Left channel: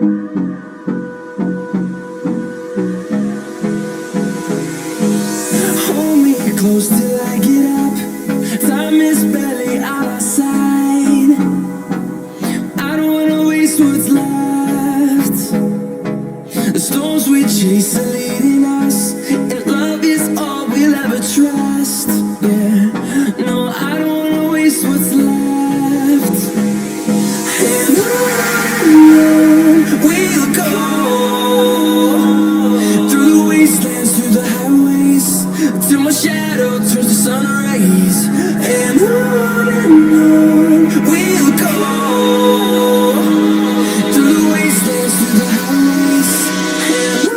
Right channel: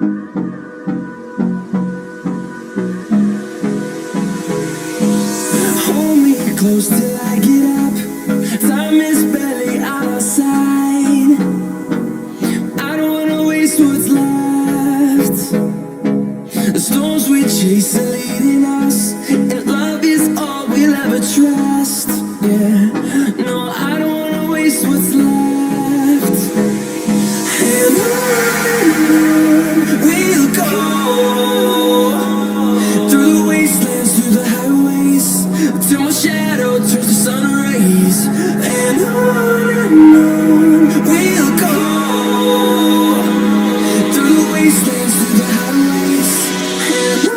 Hold me close till I get up. Time is barely on our side. I don't wanna waste what's left. The storms we chase are leading us, and love is all we'll ever trust. Yeah, no, I don't wanna waste what's left. And on we'll go, through the wastelands, through the highways, till my shadow turns to sun rays. And on we'll go, through the wastelands, through the highways, and on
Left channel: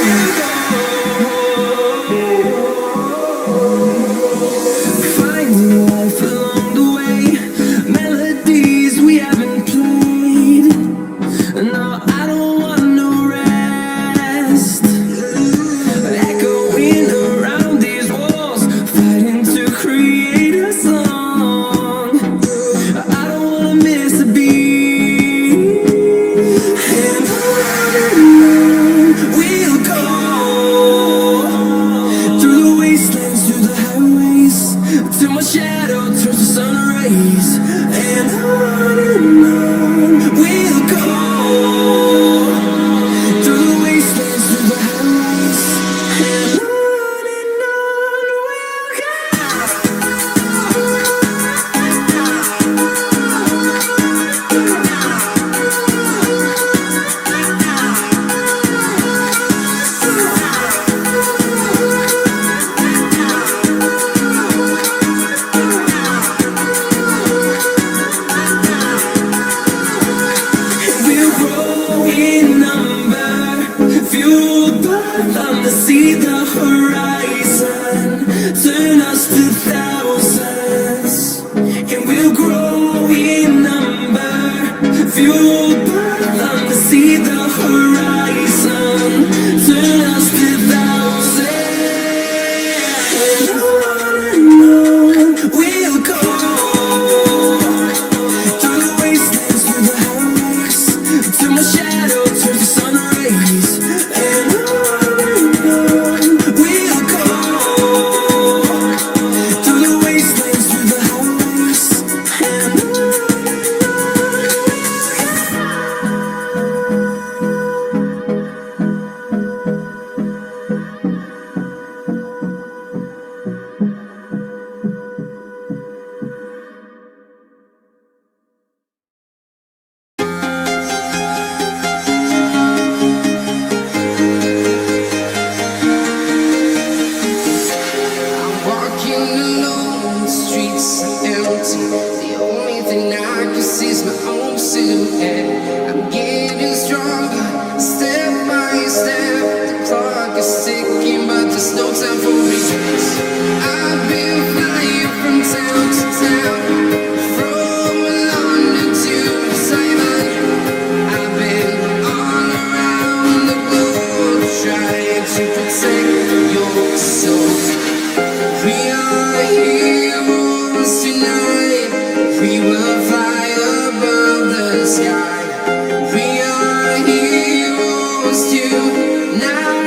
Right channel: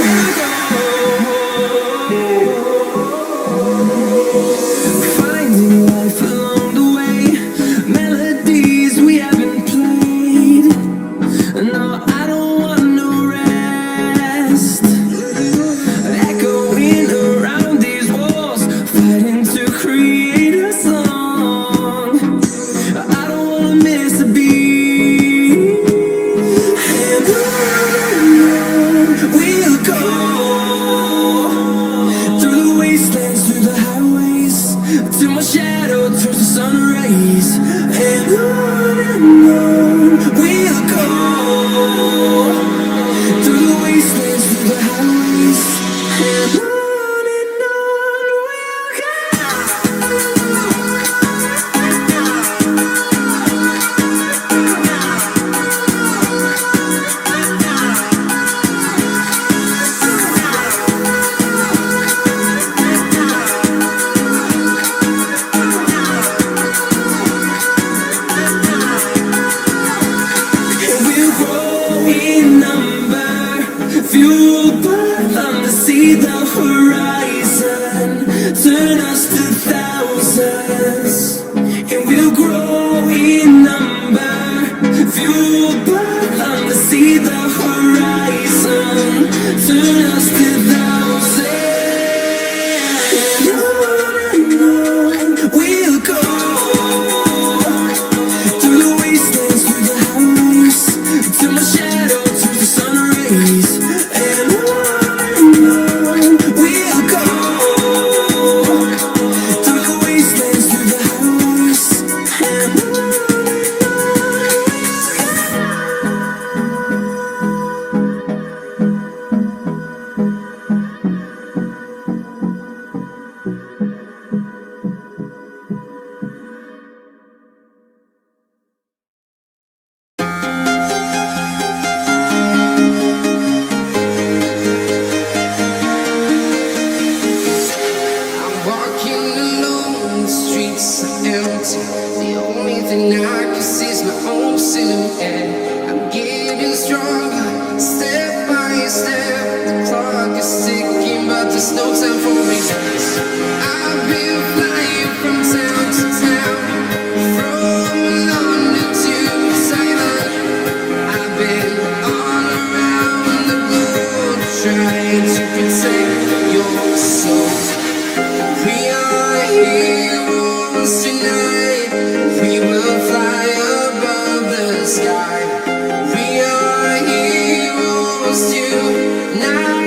we'll go. Finding life along the way, melodies we haven't played. No, I don't want no rest. Echoing around these walls, fighting to create a song. I don't wanna miss a beat. And on we'll go, through the wastelands, through the highways, till my shadow turns to sun rays. And on we'll go, through the wastelands, through the highways, and on we'll go. And we'll grow in number, fueled by them to see the horizon, turn us to thousands. And we'll grow in number, fueled by them to see the horizon, turn us to thousands. And on we'll go, through the wastelands, through the highways, till my shadow turns to sun rays. And on we'll go, through the wastelands, through the highways, and on we'll go. I'm walking alone, the streets are empty. The only thing I can see is my own silhouette. I'm getting stronger, step by step. The clock is ticking, but there's no time for regrets. I've been flying from town to town, from London to Taiwan. I've been all around the globe, trying to protect your soul. We are heroes tonight. We will fly above the sky. We are heroes tonight.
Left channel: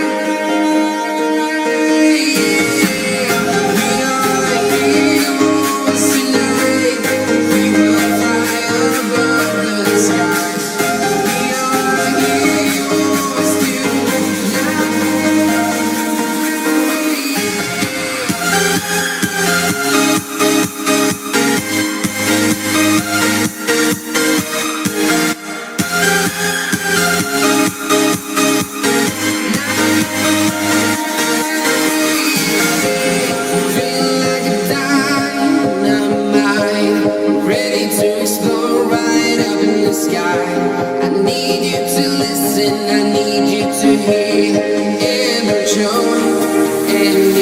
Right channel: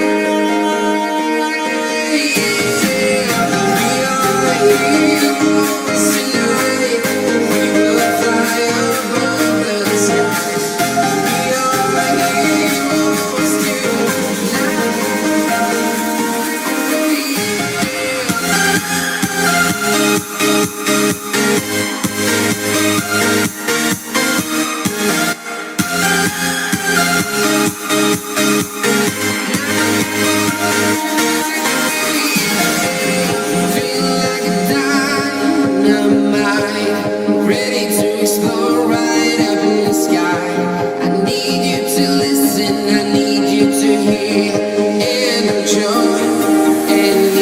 Yeah. We are heroes tonight. We will fly above the sky. We are heroes tonight. Ready to explore right up in the sky. I need you to listen, I need you to hear, and don't show any